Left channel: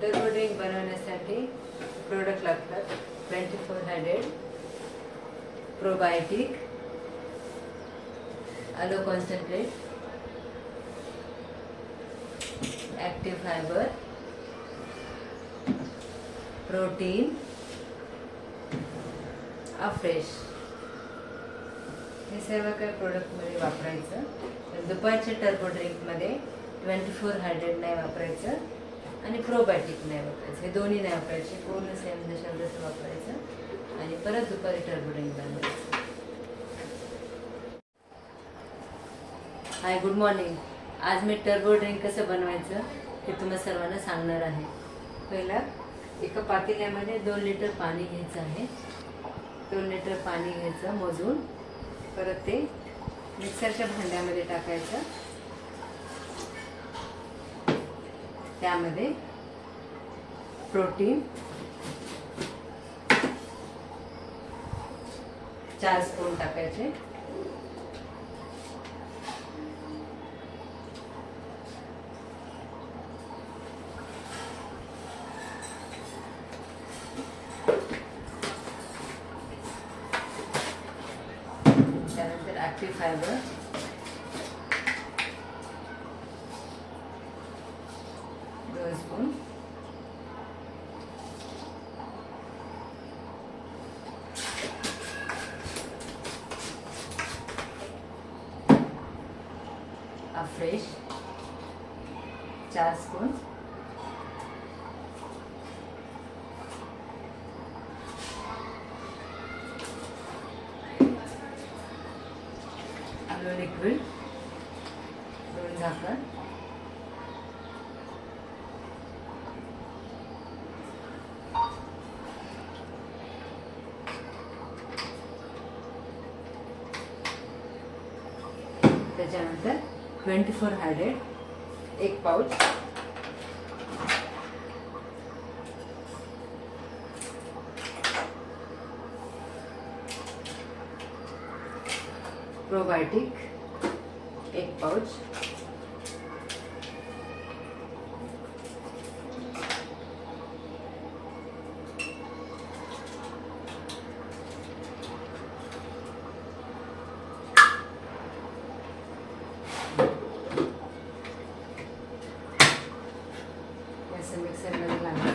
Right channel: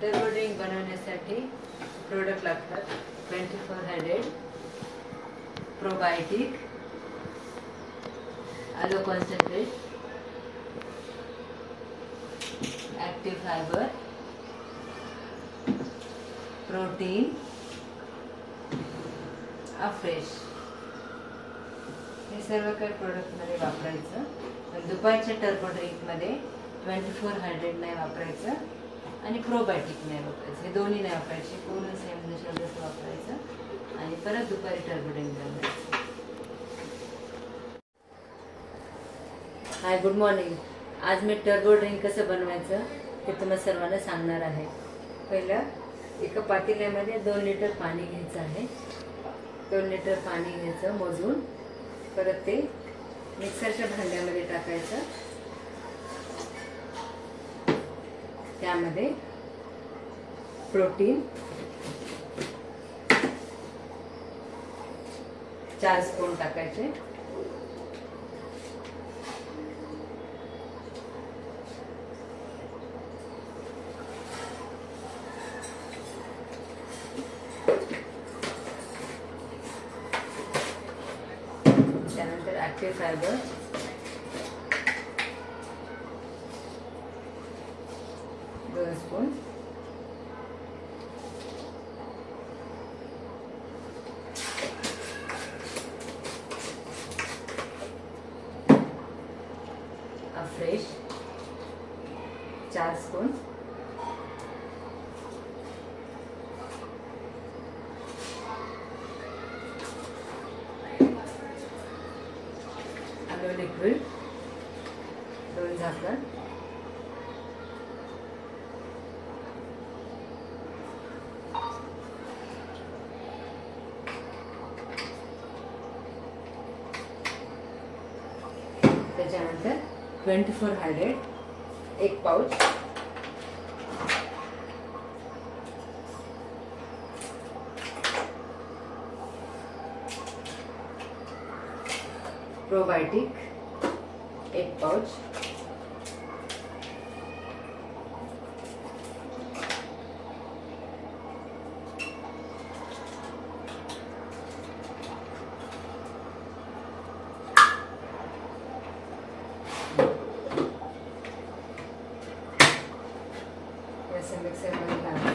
Turbo drink बनवण्यासाठी product लागतात 2400 probiotic, आलो concentrate, active fibre, protein, fresh. हे सर्व काही प्रोडक्ट मध्ये वापरायचं. पण दुपारच्या टर्बो ड्रिंक मध्ये 2400 नाही वापरायचं आणि प्रोबायोटिक नाही वापरायचं. हे दोन्ही नाही वापरायचे. पूर्ण सेम जसं वापरायचं आणि परत दुपारी टर्बो ड्रिंक बनवायचं. हाय, गुड मॉर्निंग. आज मी टर्बो ड्रिंक कसं बनवायचं ते तुम्हाला सर्वांना सांगणार आहे. पहिलं एका पातेल्यामध्ये 2 लिटर पाणी घ्यायचं आहे. 2 लिटर पाणी घ्यायचं मोजून. परत ते मिक्सरच्या भांड्यामध्ये टाकायचं. त्यामध्ये प्रोटीन 4 स्पून टाकायचे. त्यानंतर active fibre 2 spoon, fresh 4 spoon, liquid 2 झाकण, त्याच्यानंतर 2400 1 पाउच, प्रोबायोटिक 1 पाउच, ऐसे मिक्सर में लाना.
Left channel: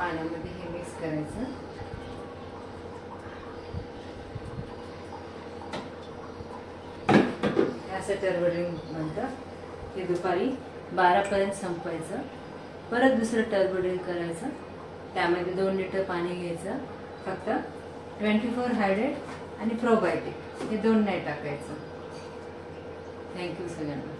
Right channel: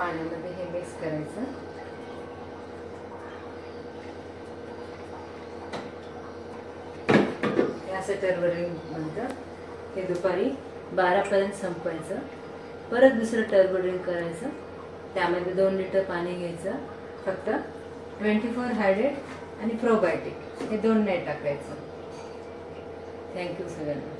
पाण्यामध्ये हे मिक्स करायचं. असं टर्बो ड्रिंक बनतं. ते दुपारी 12 पर्यंत संपवायचं. परत दुसरं टर्बो ड्रिंक करायचं. त्यामध्ये 2 लिटर पाणी घ्यायचं. फक्त 2400 आणि प्रोबायोटिक हे 2 नाही टाकायचं. थँक्यू सगळ्यांना.